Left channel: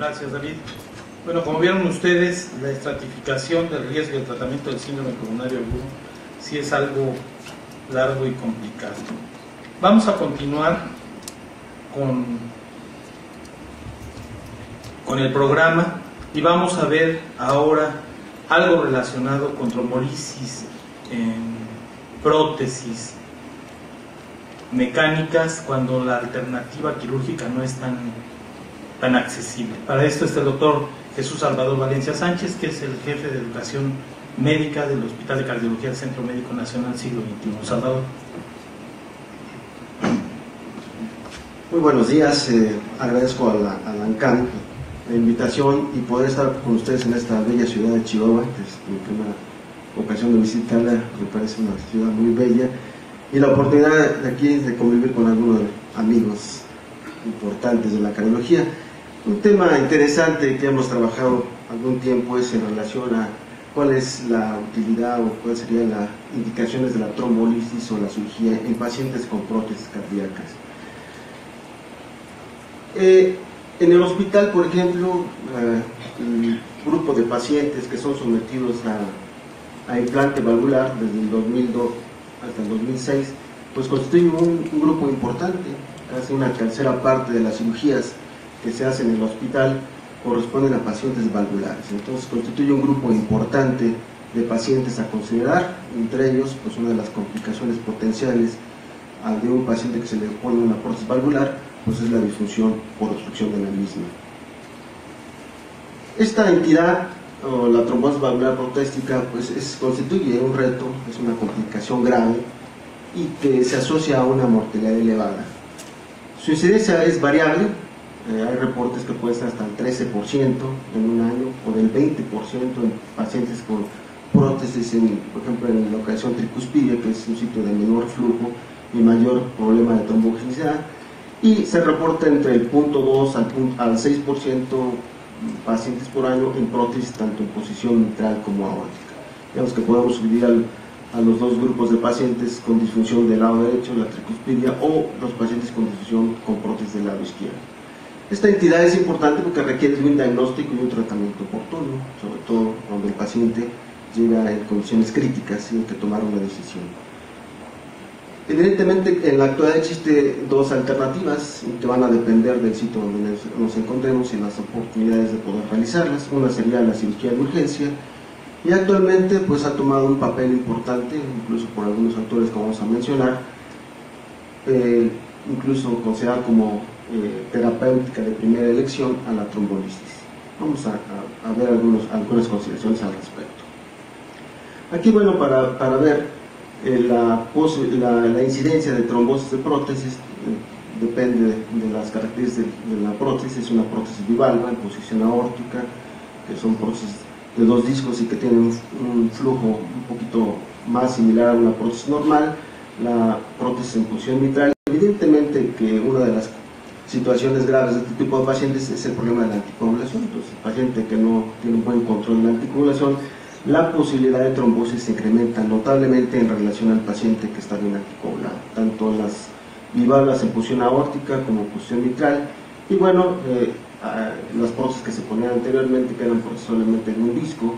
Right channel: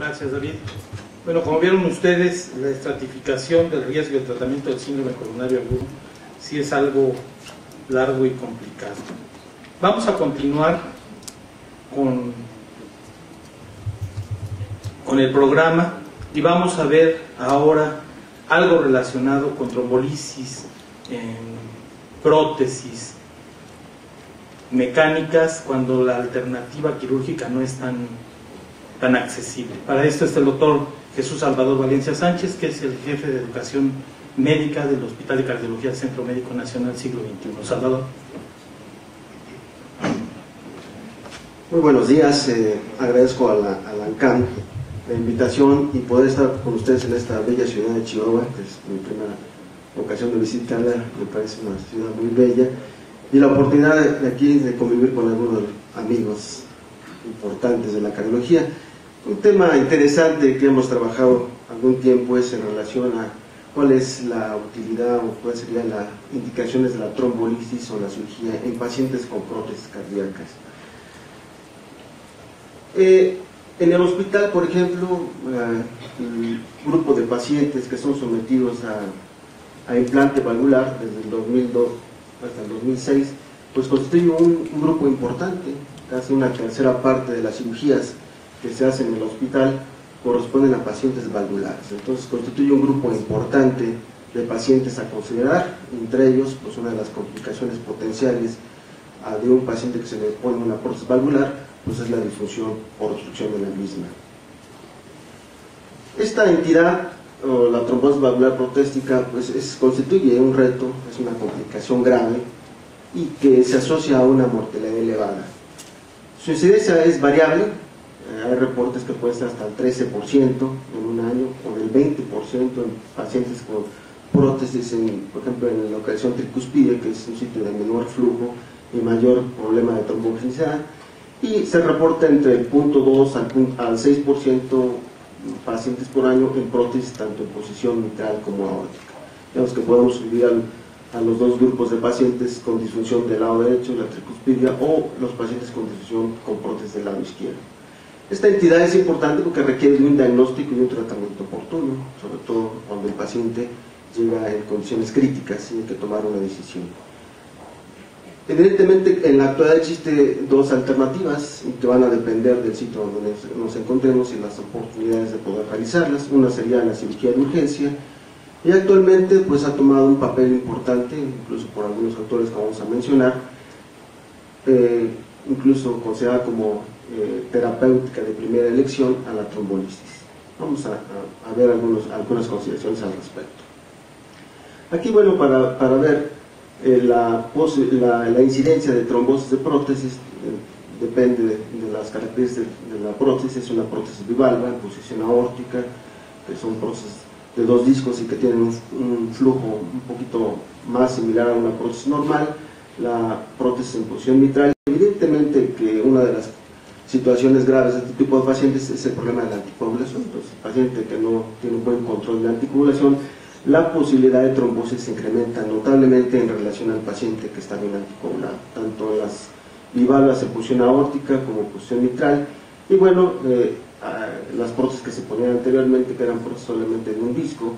Gracias, David. Bueno, como vieron ustedes, la estratificación del riesgo de tratamiento del síndrome pulmonar agudo sí es algo largo y complicado. Vamos a continuar con el programa y vamos a ver ahora algo relacionado con trombolisis en prótesis mecánicas cuando la alternativa quirúrgica no es tan accesible. Para esto está el doctor Jesús Salvador Valencia Sánchez, que es el jefe de educación médica del Hospital de Cardiología del Centro Médico Nacional Siglo XXI. Salvador. Muy buenos días, agradezco a la ANCAM la invitación y poder estar con ustedes en esta bella ciudad de Chihuahua, que es mi primera ocasión de visitarla. Me parece una ciudad muy bella y la oportunidad de aquí de convivir con algunos amigos importantes de la cardiología. Un tema interesante que hemos trabajado algún tiempo es en relación a cuál es la utilidad o cuáles serían las indicaciones de la trombolisis o la cirugía en pacientes con prótesis cardíacas. En el hospital, por ejemplo, el grupo de pacientes que son sometidos a implante valvular desde el 2002 hasta el 2006, pues constituye un grupo importante. Casi una tercera parte de las cirugías que se hacen en el hospital corresponden a pacientes valvulares. Entonces constituye un grupo importante de pacientes a considerar, entre ellos pues una de las complicaciones potenciales de un paciente que se le pone una prótesis valvular pues es la disfunción por obstrucción de la misma. Esta entidad, o la trombosis valvular protéstica, pues constituye un reto, es una complicación grave y que se asocia a una mortalidad elevada. Su incidencia es variable, hay reportes que puede ser hasta el 13% en un año o del 20% en pacientes con prótesis, por ejemplo en la localización tricuspidia, que es un sitio de menor flujo y mayor problema de trombogenicidad, y se reporta entre el 0.2 al 6% pacientes por año en prótesis tanto en posición mitral como aórtica. Digamos que podemos dividir a los dos grupos de pacientes con disfunción del lado derecho, la tricuspidia, o los pacientes con disfunción con prótesis del lado izquierdo. Esta entidad es importante porque requiere de un diagnóstico y un tratamiento oportuno, sobre todo cuando el paciente llega en condiciones críticas y hay que tomar una decisión. Evidentemente, en la actualidad existen dos alternativas que van a depender del sitio donde nos encontremos y las oportunidades de poder realizarlas. Una sería la cirugía de urgencia, y actualmente pues ha tomado un papel importante, incluso por algunos autores que vamos a mencionar, incluso considerada como terapéutica de primera elección a la trombolisis. Vamos a ver algunas consideraciones al respecto. Aquí, bueno, para ver la incidencia de trombosis de prótesis, depende de las características de la prótesis. Es una prótesis bivalva en posición aórtica, que son prótesis de dos discos y que tienen un flujo un poquito más similar a una prótesis normal. La prótesis en posición mitral, evidentemente que una de las situaciones graves de este tipo de pacientes es el problema de la anticoagulación. Entonces, el paciente que no tiene un buen control de la anticoagulación, la posibilidad de trombosis se incrementa notablemente en relación al paciente que está bien anticoagulado, tanto las bivalvas en posición aórtica como en posición mitral. Y bueno, las prótesis que se ponían anteriormente, que eran prótesis solamente de un disco,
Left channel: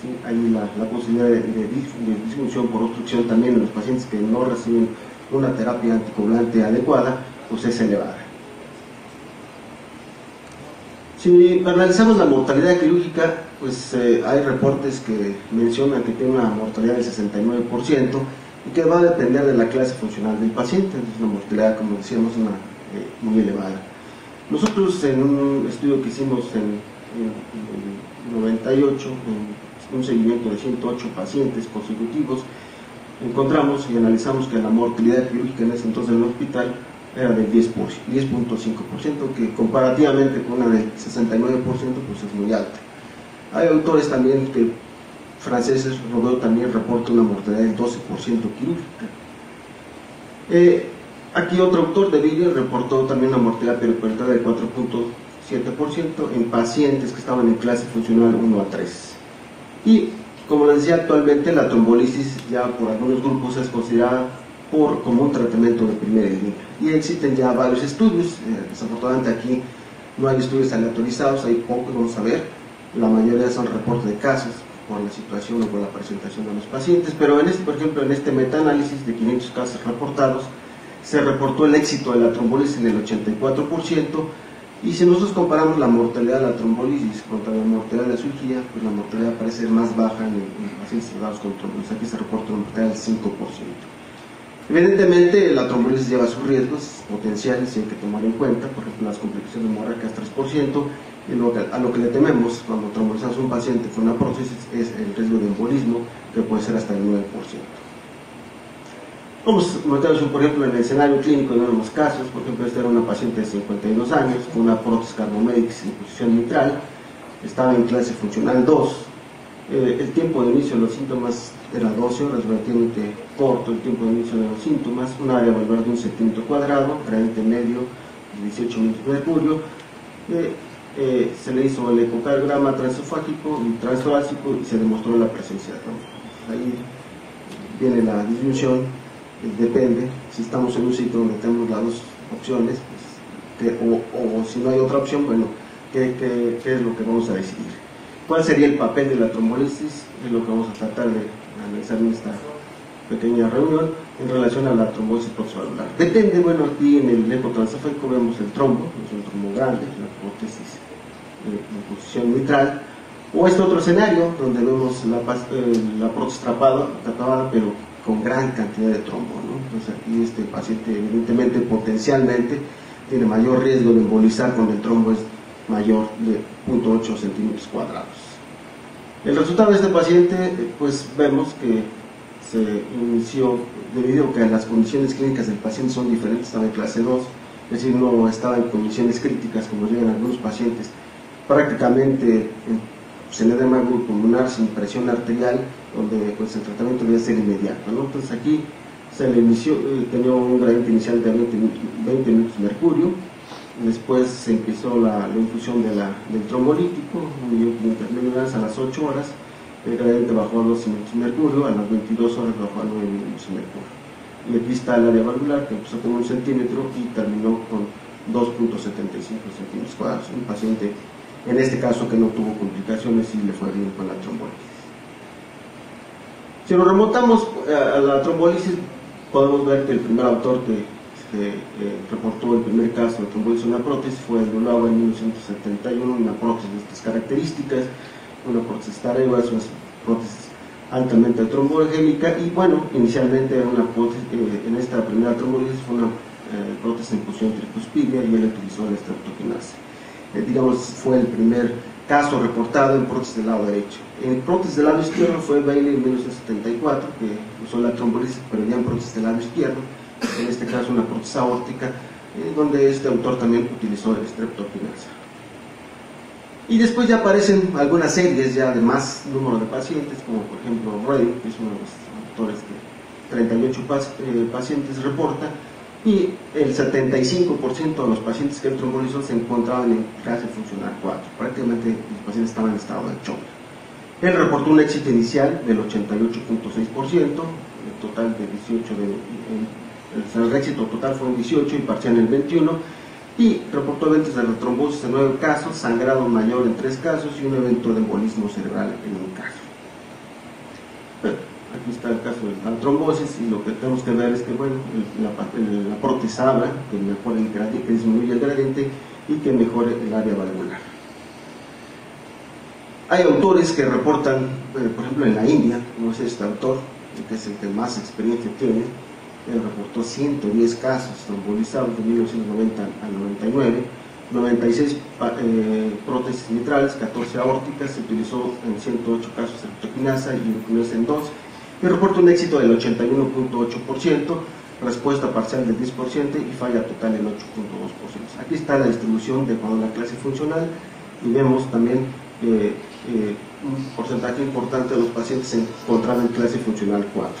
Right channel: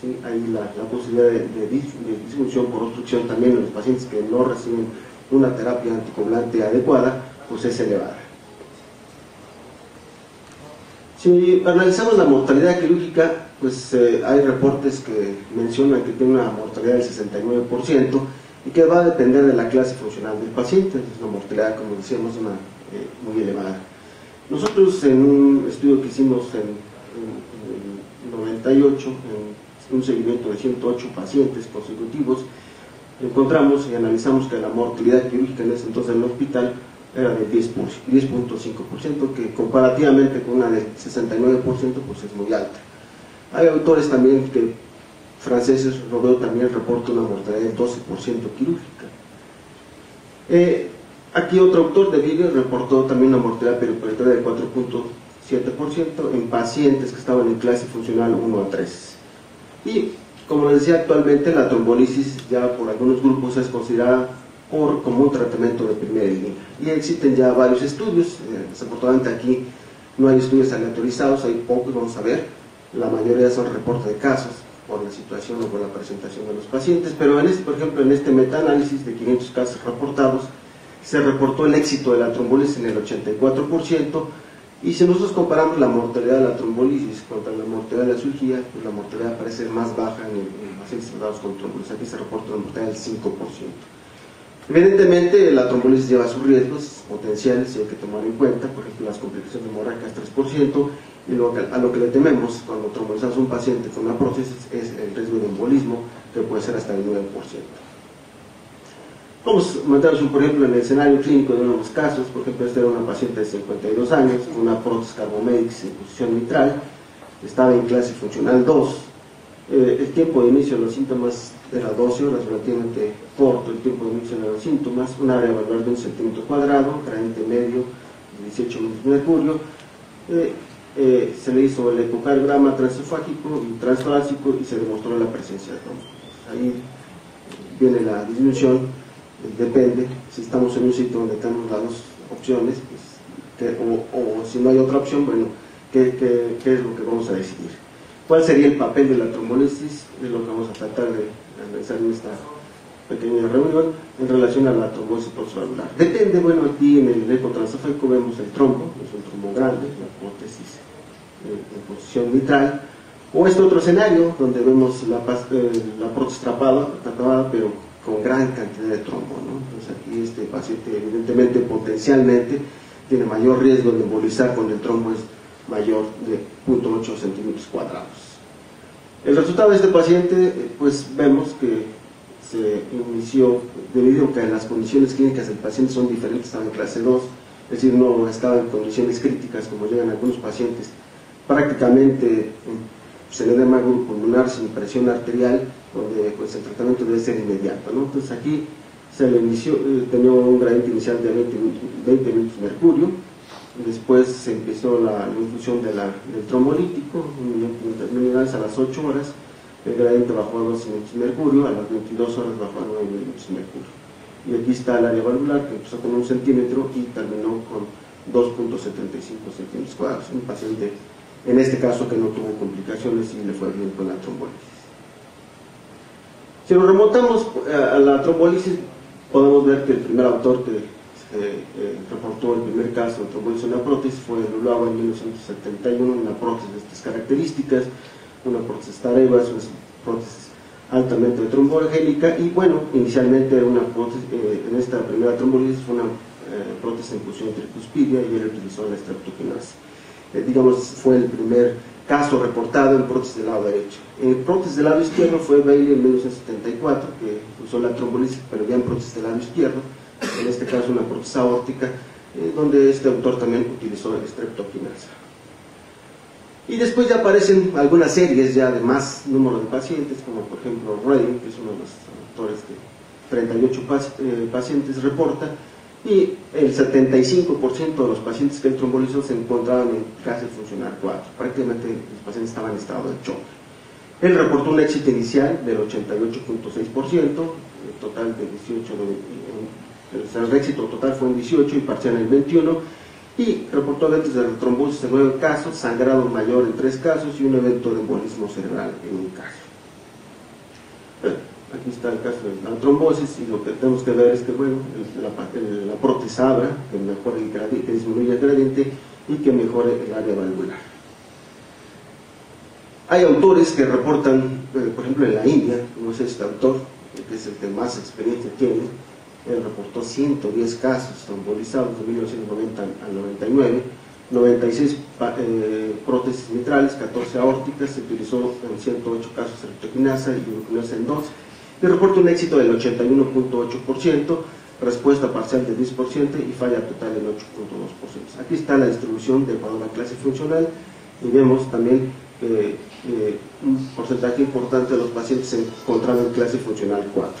¿sí? Ahí la posibilidad de disfunción por obstrucción también en los pacientes que no reciben una terapia anticoagulante adecuada, pues es elevada. Si analizamos la mortalidad quirúrgica, pues hay reportes que mencionan que tiene una mortalidad del 69% y que va a depender de la clase funcional del paciente. Es una mortalidad, como decíamos, muy elevada. Nosotros en un estudio que hicimos en el 98, en un seguimiento de 108 pacientes consecutivos, encontramos y analizamos que la mortalidad quirúrgica en ese entonces en el hospital era del 10.5%, que comparativamente con la del 69% pues es muy alta. Hay autores también franceses, Rodot también reporta una mortalidad del 12% quirúrgica. Aquí otro autor de Villiers reportó también una mortalidad periperitoneal del 4.7% en pacientes que estaban en clase funcional 1 a 3. Y como les decía, actualmente la trombolisis ya por algunos grupos es considerada como un tratamiento de primera línea. Y existen ya varios estudios, desafortunadamente aquí no hay estudios aleatorizados, hay pocos, vamos a ver, la mayoría son reportes de casos por la situación o por la presentación de los pacientes, pero por ejemplo, en este metaanálisis de 500 casos reportados, se reportó el éxito de la trombolisis en el 84%, y si nosotros comparamos la mortalidad de la trombolisis contra la mortalidad de la cirugía, pues la mortalidad parece más baja en pacientes tratados con trombolisis. Aquí se reporta una mortalidad del 5%. Evidentemente, la trombolisis lleva sus riesgos potenciales y hay que tomar en cuenta, por ejemplo, las complicaciones hemorrágicas 3%, y a lo que le tememos cuando trombolizamos a un paciente con una prótesis es el riesgo de embolismo, que puede ser hasta el 9%. Vamos a meternos, por ejemplo, en el escenario clínico de unos casos. Por ejemplo, esta era una paciente de 52 años con una prótesis Carbomédix en posición mitral, estaba en clase funcional 2. El tiempo de inicio de los síntomas era 12 horas, relativamente corto el tiempo de inicio de los síntomas, un área valvular de 1 centímetro cuadrado, gradiente medio de 18 minutos de mercurio. Se le hizo el ecocardiograma transesofágico y transtorácico y se demostró la presencia de trombo. Ahí viene la disminución. Depende, si estamos en un sitio donde tenemos las dos opciones, pues, o si no hay otra opción, bueno, ¿qué es lo que vamos a decidir? ¿Cuál sería el papel de la trombolisis? Es lo que vamos a tratar de analizar en esta pequeña reunión en relación a la trombosis proxivalvular. Depende, bueno, aquí en el eco transesofágico vemos el trombo, es un trombo grande, la prótesis en posición mitral, o este otro escenario donde vemos la prótesis tapada, pero con gran cantidad de trombo, ¿no? Entonces aquí este paciente evidentemente potencialmente tiene mayor riesgo de embolizar cuando el trombo es mayor de 0.8 centímetros cuadrados. El resultado de este paciente, pues vemos que se inició debido a que las condiciones clínicas del paciente son diferentes, estaba en clase 2, es decir, no estaba en condiciones críticas como llegan algunos pacientes, prácticamente se le da hemágogo pulmonar sin presión arterial, donde pues, el tratamiento debe ser inmediato, ¿no? Entonces aquí se le inició, tenía un gradiente inicial de 20 minutos de mercurio, después se empezó la infusión del trombolítico, 1.500.000 unidades a las 8 horas, el gradiente bajó a 12 minutos de mercurio, a las 22 horas bajó a 9 minutos de mercurio. Y aquí está el área valvular que empezó con 1 centímetro y terminó con 2.75 centímetros cuadrados. Un paciente, en este caso, que no tuvo complicaciones y le fue bien con la trombolisis. Si nos remontamos a la trombolisis, podemos ver que el primer autor que reportó el primer caso de trombolisis en una prótesis fue Lulava en 1971, una prótesis de estas características, una prótesis Tareas, una prótesis altamente tromboangélica, y bueno, inicialmente era una prótesis, en esta primera trombolisis fue una prótesis en posición tricuspidia y él utilizó la streptokinasa. Digamos, fue el primer caso reportado en prótesis del lado derecho. En prótesis del lado izquierdo fue Bailey en 1974, que usó la trombolisis, pero ya en prótesis del lado izquierdo, en este caso una prótesis aórtica, donde este autor también utilizó la streptokinasa. Y después ya aparecen algunas series ya de más número de pacientes, como por ejemplo Roy, que es uno de los autores que 38 pacientes reporta, y el 75% de los pacientes que él trombolizó se encontraban en clase funcional 4, prácticamente los pacientes estaban en estado de shock. Él reportó un éxito inicial del 88.6%, el total de 18, el éxito total fue un 18 y parcial en el 21, y reportó eventos de retrombosis en 9 casos, sangrado mayor en 3 casos y un evento de embolismo cerebral en 1 caso. Bueno, aquí está el caso de la trombosis, y lo que tenemos que ver es que bueno, la prótesis abra, que mejore el gradiente, que disminuye el gradiente y que mejore el área valvular. Hay autores que reportan, por ejemplo en la India, como es este autor, que es el que más experiencia tiene, él reportó 110 casos trombolizados de 1990 al 99, 96 prótesis mitrales, 14 aórticas, se utilizó en 108 casos streptokinasa y glucokinasa en 2, y reporta un éxito del 81.8%, respuesta parcial del 10% y falla total del 8.2%. Aquí está la distribución de toda la clase funcional, y vemos también un porcentaje importante de los pacientes se encontraban en clase funcional 4.